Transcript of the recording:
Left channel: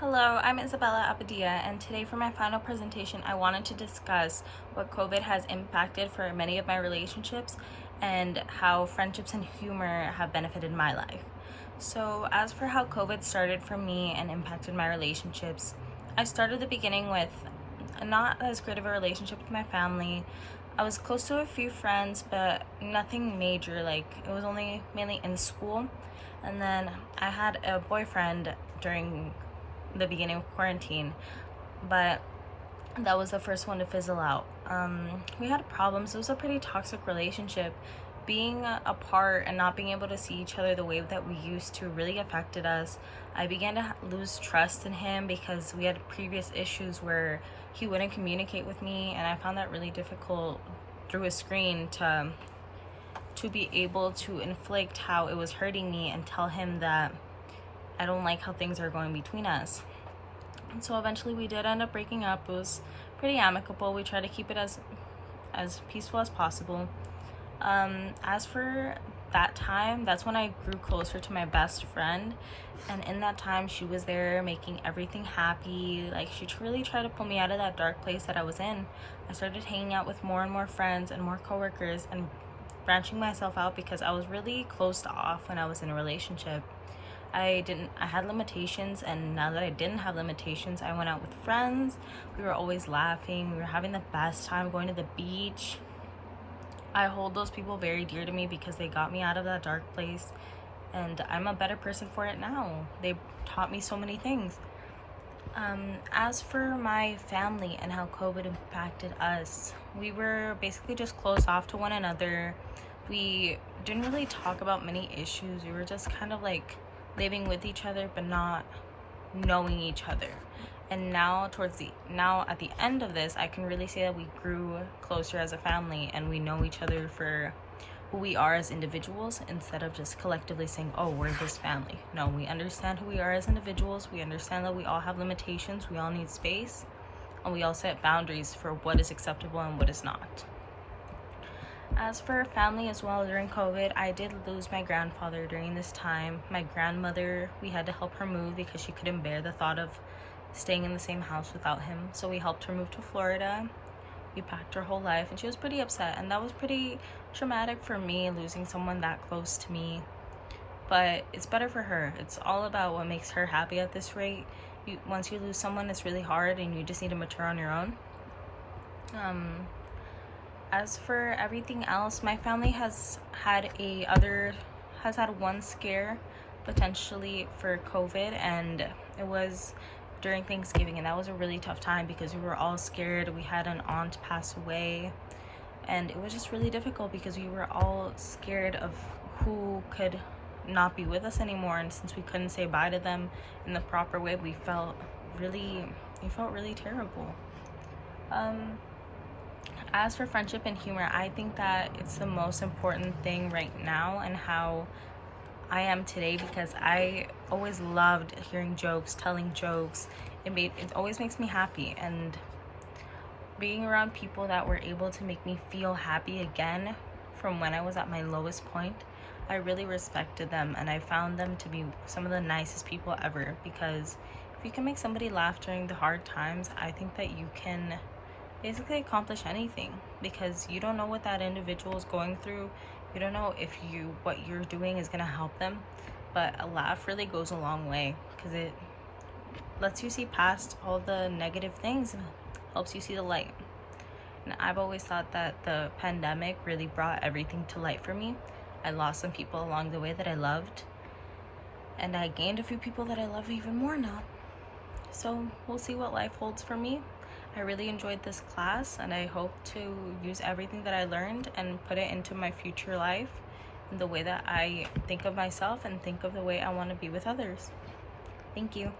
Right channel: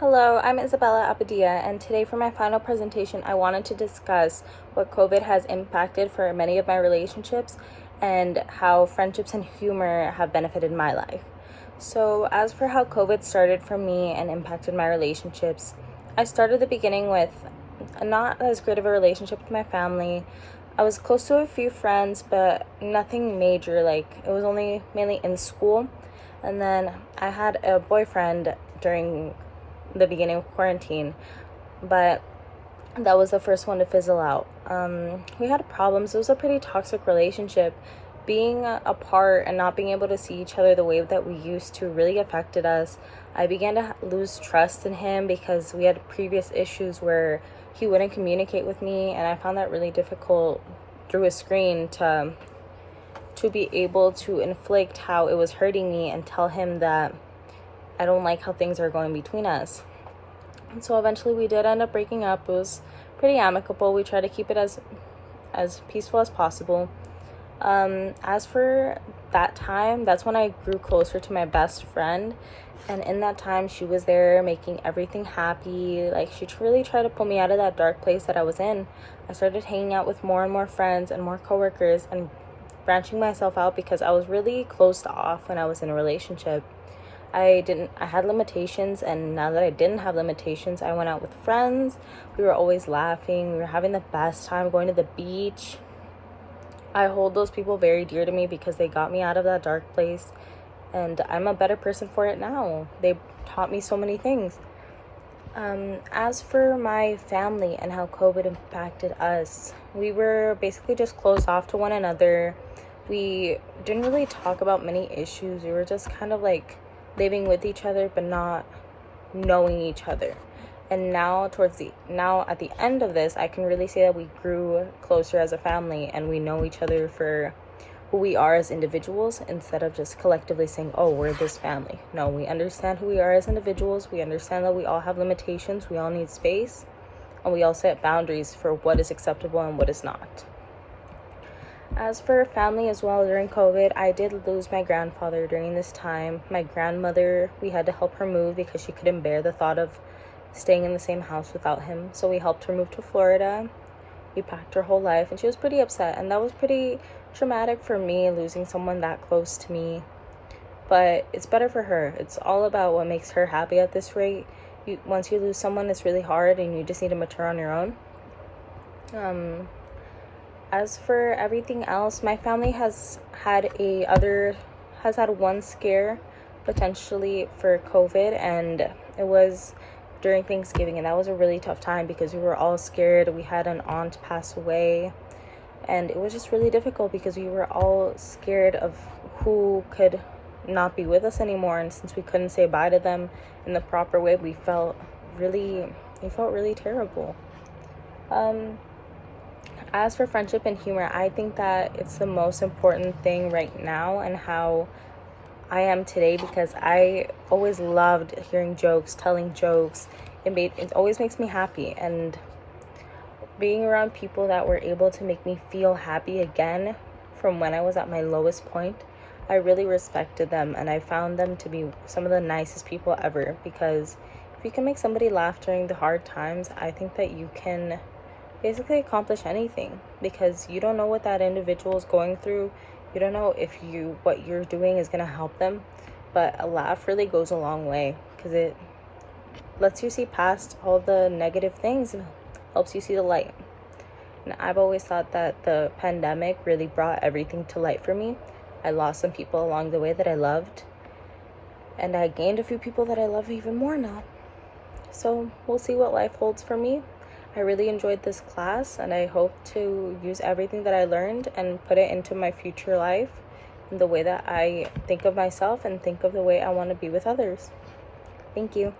Hello, I'm Isabella Abadia, and today for my final presentation, I wanted to discuss what COVID has impacted for many of my relationships and how friendships and humor have benefited my life. So, as for how COVID started for me and impacted my relationships, I started the beginning with not as great of a relationship with my family. I was close to a few friends, but nothing major. Like, it was only mainly in school. And then I had a boyfriend during the beginning of quarantine, but that was the first one to fizzle out. We had problems. It was a pretty toxic relationship. Being apart and not being able to see each other the way that we used to really affected us. I began to lose trust in him because we had previous issues where he wouldn't communicate with me, and I found that really difficult through a screen to be able to inflict how it was hurting me and tell him that I don't like how things are going between us. And so eventually we did end up breaking up. It was pretty amicable. We tried to keep it as peaceful as possible. As for that time, that's when I grew closer to my best friend. And in that time, she was there making everything happy. Like, she really tried to pull me out of that dark place that I was in. I started hanging out with more and more friends and more coworkers and branching myself out because I was really closed off when I was in a relationship. I had limitations, and now that I didn't have limitations, I went out with friends. We were always laughing. We were having the best time going to the beach. I hold those people very dear to me because they got me out of that dark place, and I'm a better person for it now. They taught me so many things. As for my family and how COVID impacted us, we were basically just closed off to one another. We didn't really talk about many issues. We were just kind of like living with each other but not knowing each other. And now at the end of this, I can really say that we grew closer as a family and we know each other for who we are as individuals instead of just collectively saying, oh, we're this family. No, we understand who we are as individuals. We understand that we all have limitations. We all need space, and we all set boundaries for what is acceptable and what is not. As for family as well, during COVID, I did lose my grandfather during this time. My grandmother, we had to help her move because she couldn't bear the thought of staying in the same house without him. So we helped her move to Florida. We packed her whole life, and she was pretty upset. And that was pretty traumatic for me, losing someone that close to me. But it's better for her. It's all about what makes her happy at this rate. Once you lose someone, it's really hard, and you just need to mature on your own. As for everything else, my family has had one scare potentially for COVID, and it was during Thanksgiving, and that was a really tough time because we were all scared. We had an aunt pass away, and it was just really difficult because we were all scared of who could not be with us anymore, and since we couldn't say bye to them in the proper way, we felt really terrible. As for friendship and humor, I think that it's the most important thing right now and how I am today, because I always loved hearing jokes, telling jokes. It always makes me happy, and being around people that were able to make me feel happy again from when I was at my lowest point, I really respected them, and I found them to be some of the nicest people ever, because if you can make somebody laugh during the hard times, I think that you can basically accomplish anything, because you don't know what that individual is going through. You don't know if what you're doing is going to help them, but a laugh really goes a long way because it lets you see past all the negative things and helps you see the light. And I've always thought that the pandemic really brought everything to light for me. I lost some people along the way that I loved, and I gained a few people that I love even more now. So we'll see what life holds for me. I really enjoyed this class, and I hope to use everything that I learned and put it into my future life in the way that I think of myself and think of the way I want to be with others. Thank you.